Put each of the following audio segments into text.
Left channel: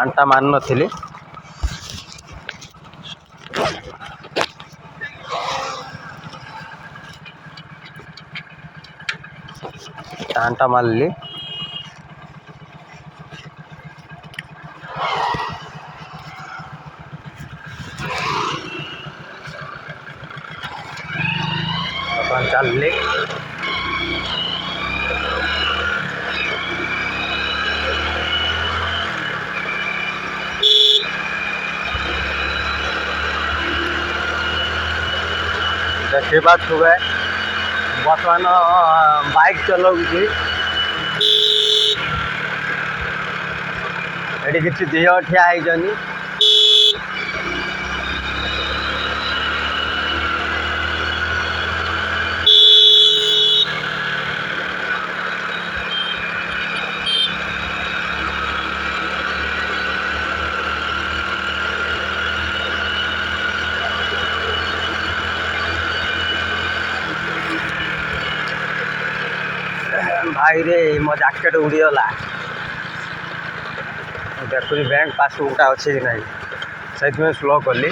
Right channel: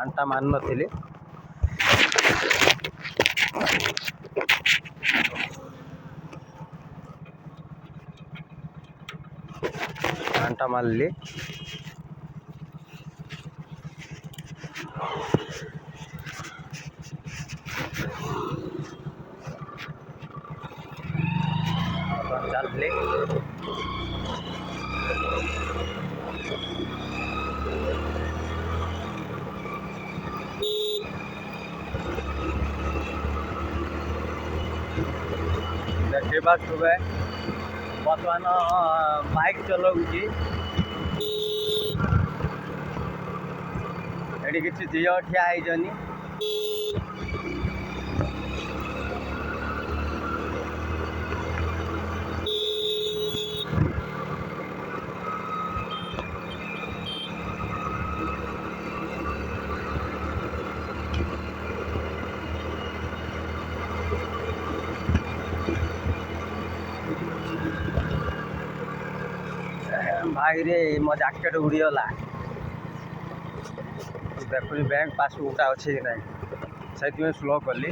ଆଣ୍ଟା ମାରିନଥିଲି। ଆଣ୍ଟା ମାରିଲି। ବର୍ତ୍ତମାନ ଚାଲିଲି। ଦେଖିପାରୁଥିବେ ବର୍ତ୍ତମାନ ବାଇକ୍ ଚଲାଉଛି। ଏଠି କିଛି ଝିଅ ଠିଆ ହେଇଛନ୍ତି। ଭାଇରେ ମୋ ଜ୍ୟାକେଟ୍ ଉଡ଼ିଗଲା। ଦେଖୁଛି ବ୍ୟାଙ୍କ ପାସବୁକ୍ଟା ଅଛି କି ନାହିଁ, ସେଇଥିପାଇଁ ସ୍ଲୋ କଲି।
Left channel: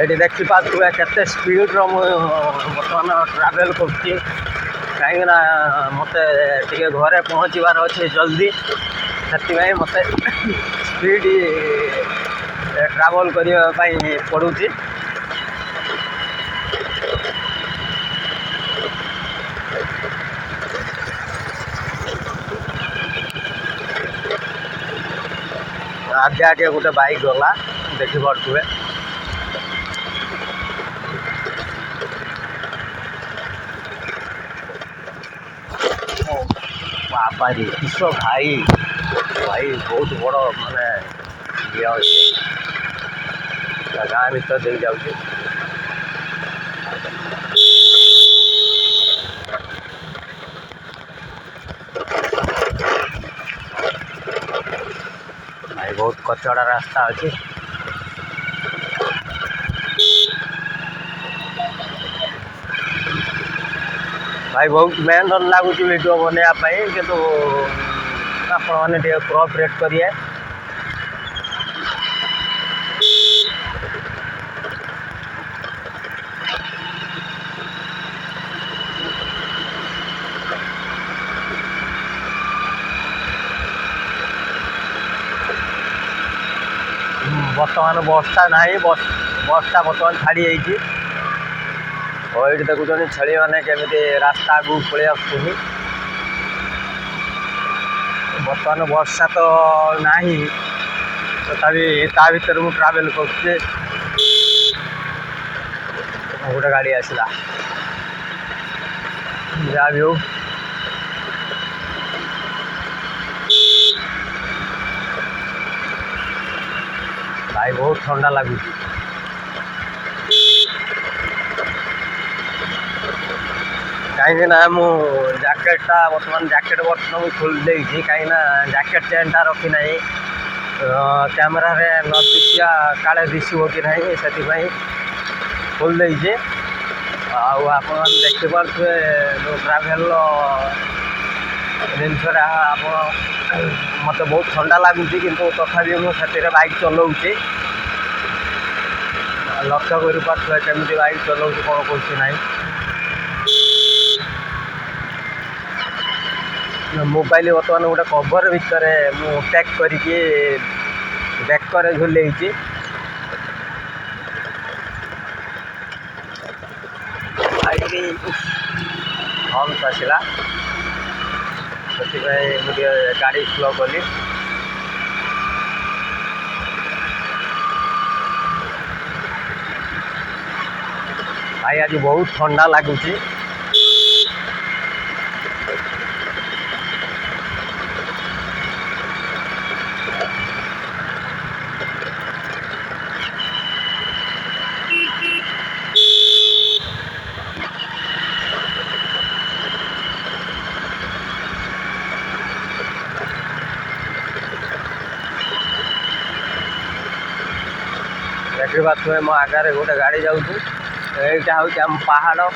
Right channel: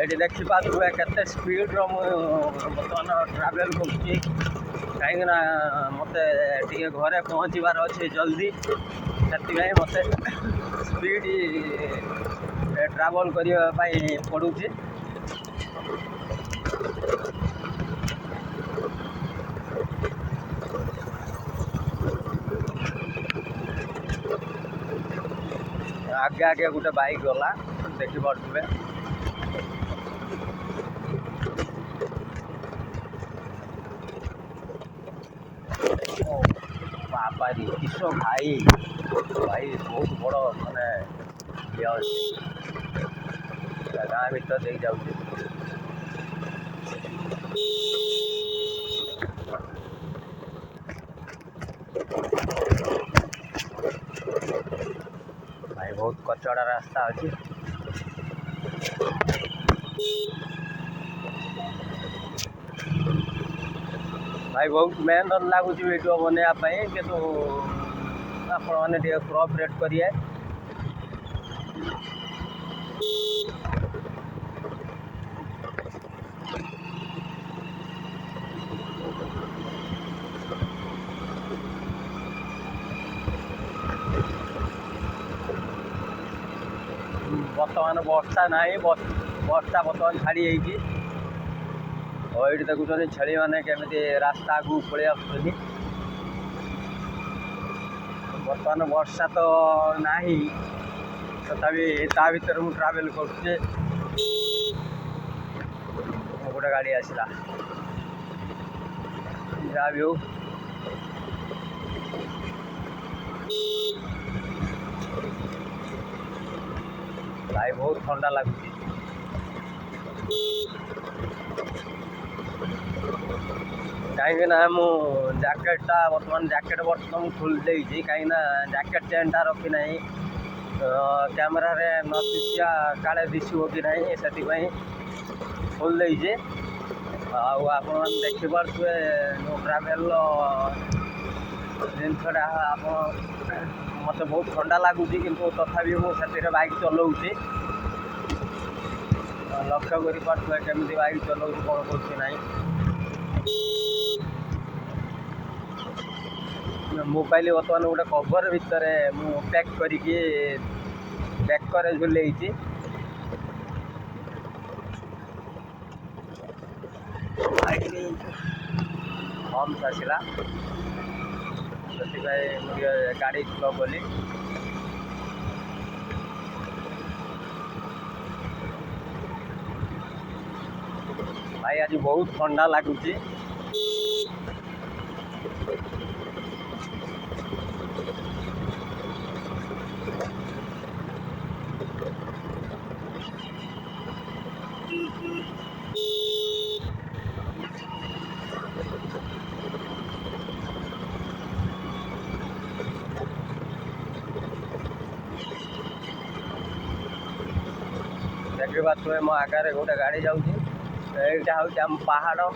ଏଠି ଦେଖିପାରୁଥିବେ କେତେ ସ୍ପିଡ଼୍ର ମୁଁ ବର୍ତ୍ତମାନ ଟ୍ରାଭେଲ୍ କରୁଛି, କାହିଁକିନା ମୋତେ ଟିକେ ଘରେ ପହଞ୍ଚିବାର ଅଛି ଜଲ୍ଦି। ସେଥିପାଇଁ ମୋତେ ସ୍ପିଡ଼ ଟ୍ରାଭେଲ୍ କରିବା ପାଇଁ ପଡ଼ୁଛି। ଆଗେ ଆଗେ ଗୋଟେ ବାଇକ୍ ଗଲା, ଦେଖିପାରୁଥିବେ। ବାବାରେ କିସ ଭାଇ ବହୁତ ବଡ଼ ମାନେ ଇଏ ଅଛି, ଗାଁ ଭିତରେ ଦେଇ ଯାଉଛି। ଭାଇ ବହୁତ କଚଡ଼ା ରାସ୍ତା ଅଛି। ଭାଇ ବହୁତ ମେହନତ ଲାଗୁଛି ଭିଡ଼ିଓ ବନେଇବା ପାଇଁ, କିନ୍ତୁ ଆପଣମାନେ ଟିକେ କୋଅପରେଟ୍ କରିବେ। ବର୍ତ୍ତମାନ ବର୍ଷା ନାହିଁ, ବର୍ଷା ବର୍ତ୍ତମାନ ଛାଡ଼ି ଯାଇଛି। ଏଇଠି ଦେଖୁଛନ୍ତି ଛେଳିମାନେ କେମିତି ରାସ୍ତା ଆଗକୁ ପଳେଇ ଆସୁଛନ୍ତି। ବର୍ତ୍ତମାନ ବର୍ଷା ତ ନାହିଁ, ତଥାପି ତା ଭିତରେ ମୁଁ ଟ୍ରାଭେଲ୍ କରୁଛି। ଗୋଟେ ଗାଡ଼ି ଆସିଲା, ଯାହା ବି ହଉ ଭାଇ ବହୁତ ଥଣ୍ଡା ଲାଗୁଛି। କାହିଁକିନା ମୁଁ ଜ୍ୟାକେଟ୍ଟା ବର୍ତ୍ତମାନ ମୁଁ ଖୋଲି ଦେଇଛି, କାହିଁକିନା ଜ୍ୟାକେଟ୍ ଚେନ୍ଟା ରଖିନାହିଁ। କ୍ୟାମେରାରେ ନ ଦିଶିବା କାଳେ ଦିଶିବ କି ନାହିଁ, ସେଥିପାଇଁ ଖୋଲି ଦେଇଛି। ଆଉ ଆପଣମାନେ ଦେଖିପାରୁଥିବେ ଯେଉଁ ଟ୍ରାଭେଲ୍ର ଜିନିଷଟା, ମୋତେ ବହୁତ ଥଣ୍ଡା ଲାଗୁଛି, କିନ୍ତୁ ତଥାପି ମୁଁ ସେଥିରେ ବାଇକ୍ ଚଲାଉଛି। ଲକ୍ଷ୍ୟ କରିପାରୁଥିବେ କେମିତି ବାଇକ୍ ଚଲାଉଛି, କ'ଣ କରୁଛି ନାହିଁ। ମୋବାଇଲ ବର୍ତ୍ତମାନ ଗୋଟେ କଭର୍ ଭିତରେ ମୁଁ ପ୍ୟାକ୍ କରିକି ବେକରେ ଝୁଲେଇଛି। ହମ୍ସ ଆସିଲା, ସେଥିପାଇଁ ମୁଁ ଟିକେ ଗାଡ଼ି ସ୍ଲୋ କଲି। ଭାଇ ଆଜି ବହୁତ ଥଣ୍ଡା ଲାଗୁଛି। ଦେଖିପାରୁଥିବେ ମୋ ଆଗରେ ଗୋଟେ ଗାଡ଼ି ଯାଉଛି। ଏଇଟା ହେଉଛି ଆମ ପାହାଡ଼,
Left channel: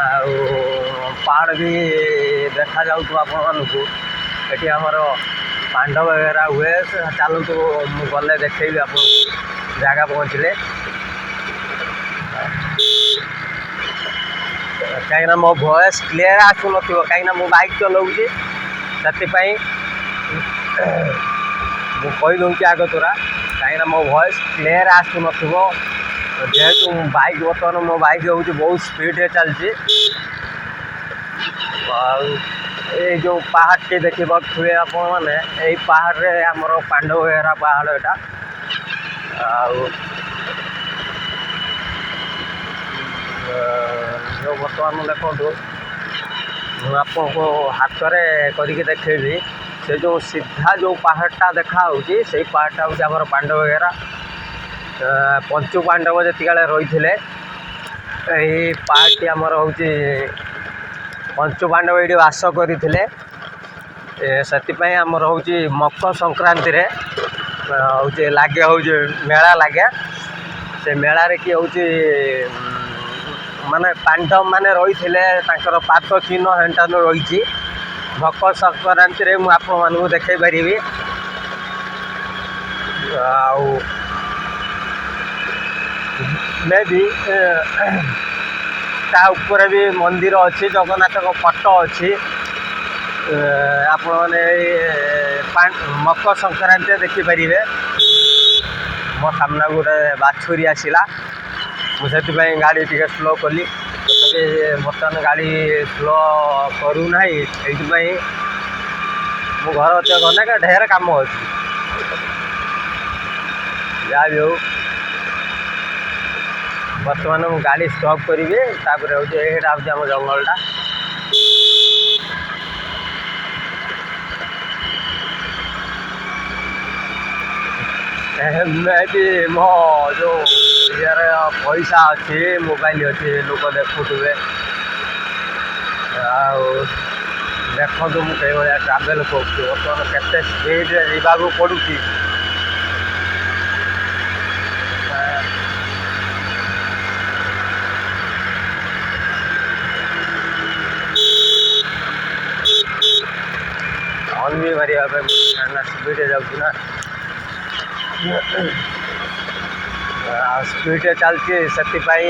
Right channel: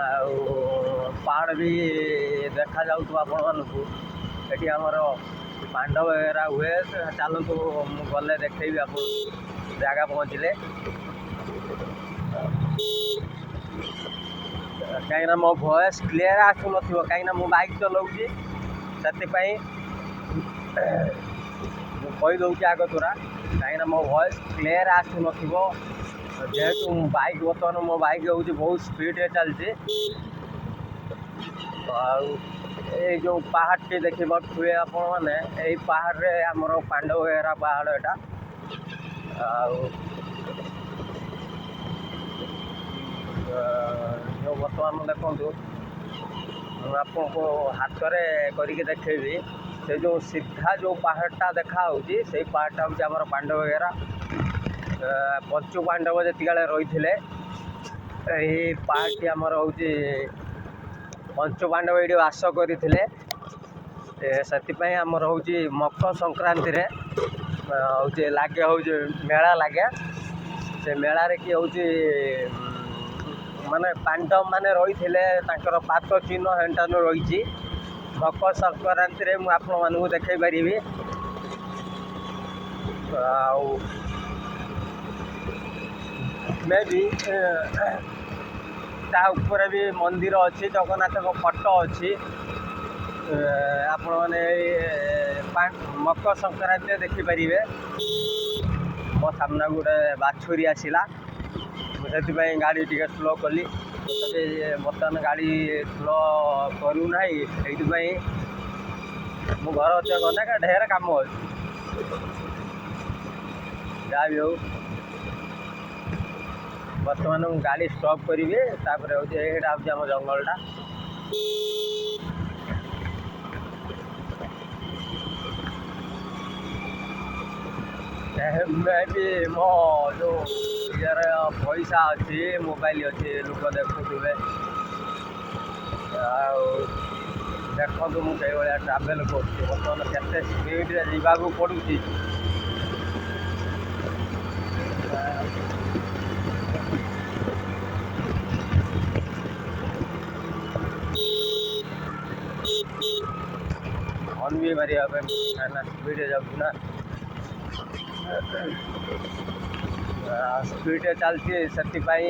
ଆଉ ପାହାଡ଼ ବି ଦେଖାଯାଉଥିବ ଆପଣମାନଙ୍କୁ। ଏଠି ଆମର ପାଣ୍ଡ ବଗେରା ହୁଏ। ଚାଲନ୍ତୁ ମୁଁ ଗଲେ ଦେଖେଇବି ଆପଣଙ୍କୁ ଜାଗା ପହଞ୍ଚିଲେ। କାହିଁକିନା ମୋ ଭଏସ୍ କ୍ଲିୟର ଆସୁନଥିବ, କାହିଁକିନା ମୁଁ ବାଇକ୍ ଚଲାଉଛି, ସେଥିପାଇଁ ମୁଁ କହିଦେଉଛି ଆଗ ତୁରା, କାହିଁକିନା ମୋ ଭଏସ୍ କ୍ଲିୟର ଆସୁନଥିବ। ଯେହେତୁ ବାଇକ୍ ବର୍ତ୍ତମାନ ମୋ ବାଇକ୍ ହେଉଛି ବହୁତ ସ୍ପିଡ଼ରେ ଚାଲିଛି। ଆଉ ଏଇ ଯେଉଁ ପାହାଡ଼ଟି ଦେଖିପାରୁଥିବେ ଆପଣମାନେ, ଏଇ ପାହାଡ଼ରେ ଆମର ପାଣ୍ଡବଘେରା ପାହାଡ଼ ଏଇଟା। ଆଉ ଯେଉଁ ବର୍ତ୍ତମାନ ଦେଖନ୍ତୁ, ମୁଁ ଆପଣଙ୍କୁ ହାତରେ କରିକି ଦେଖେଇବି। ସେ ଯେଉଁ ସିଧା ଯେଉଁ ପାହାଡ଼ଟା ଦେଖାହେଉଛି, ସେଇ ପାହାଡ଼ଟା ହେଉଛି ଆମର ପାଣ୍ଡବଘେରା। ପଞ୍ଚୁ ପାଣ୍ଡବ ଯେତିକିବେଳେ ରହିଥିଲେ, ଏହି ପାହାଡ଼ଟି ଆମର ହେଉଛି ପଞ୍ଚୁ ପାଣ୍ଡବ ଏଇଠି ବାସ କରିଥିଲେ। ସେଥିପାଇଁ ଆମର ହେଉଛି ମକର ସଂକ୍ରାନ୍ତିରେ ହେଉଛି ଲାଗେ, ହେଉଛି ମେଳା ଲାଗେ। ସେ ମେଳାରେ କି ହେଉଛି ମାନେ ପାଣ୍ଡବ ମାନେ ରହିଥିଲେ, ତାଙ୍କର ପାଦ ଚିହ୍ନ ହେଣ୍ଟାନୁ ରହିଛି। ମକର ସଂକ୍ରାନ୍ତିରେ ମୁଁ ଆପଣମାନଙ୍କୁ ଦେଖାଇ ପାରିବି। ଆଉ ମେ ବି ତା ଉପରେ ବି ମନ୍ଦିର ଅଛି, ଜଗନ୍ନାଥଙ୍କ ଫଟୋ ଅଛି। ଆପଣମାନେ ଏଇ ମକର ସଂକ୍ରାନ୍ତିରେ ଦେଖିପାରିବେ। ମୋ ସାମ୍ନାକୁ ଗୋଟେ ବାଛୁରୀ ଆସିଲା, ମୁଁ ସେଥିପାଇଁ ଗାଡ଼ି ଟିକେ ସ୍ଲୋ କଲି। ତଥାପି ବର୍ତ୍ତମାନ ଗାଡ଼ି ସ୍ଲୋ କରୁନାହିଁ, ସେଇଥିପାଇଁ ମୁଁ ଘର ଅଛି ଗଲେ ଢେର କାମ ଅଛି। ଯାହା ବି ହଉ, ବର୍ତ୍ତମାନ ମୁଁ ଗାଡ଼ି ଷ୍ଟପ୍ କରିବି। ତାପରେ ହେଉଛି ଏଇଟା ହେଉଛି ଆମ ଜଙ୍ଗଲଟା। ବି ମୋ ଯେଉଁ ଇଏରେ ପଇସା ଅଛି, ମୋବାଇଲ ଅଛି, ଲୋକ ଦେଖୁଥିବେ। ଆଉ ଦେଖନ୍ତୁ ମୁଁ ସେଇଭଳିଆ ଟ୍ରାଭେଲ୍ କରୁଛି। ବର୍ତ୍ତମାନ କେତେ ସ୍ପିଡ଼ରେ ଯିବାକୁ ପଡ଼ୁଛି। ହର୍ନ ବି ମାରିବା ପାଇଁ କାହିଁକିନା ସ୍ପିଡ଼ରେ ଯାଉଛି ନା, ଆଉ ସ୍ପିଡ଼ରେ ଚାଲିଛି, ସେଥିପାଇଁ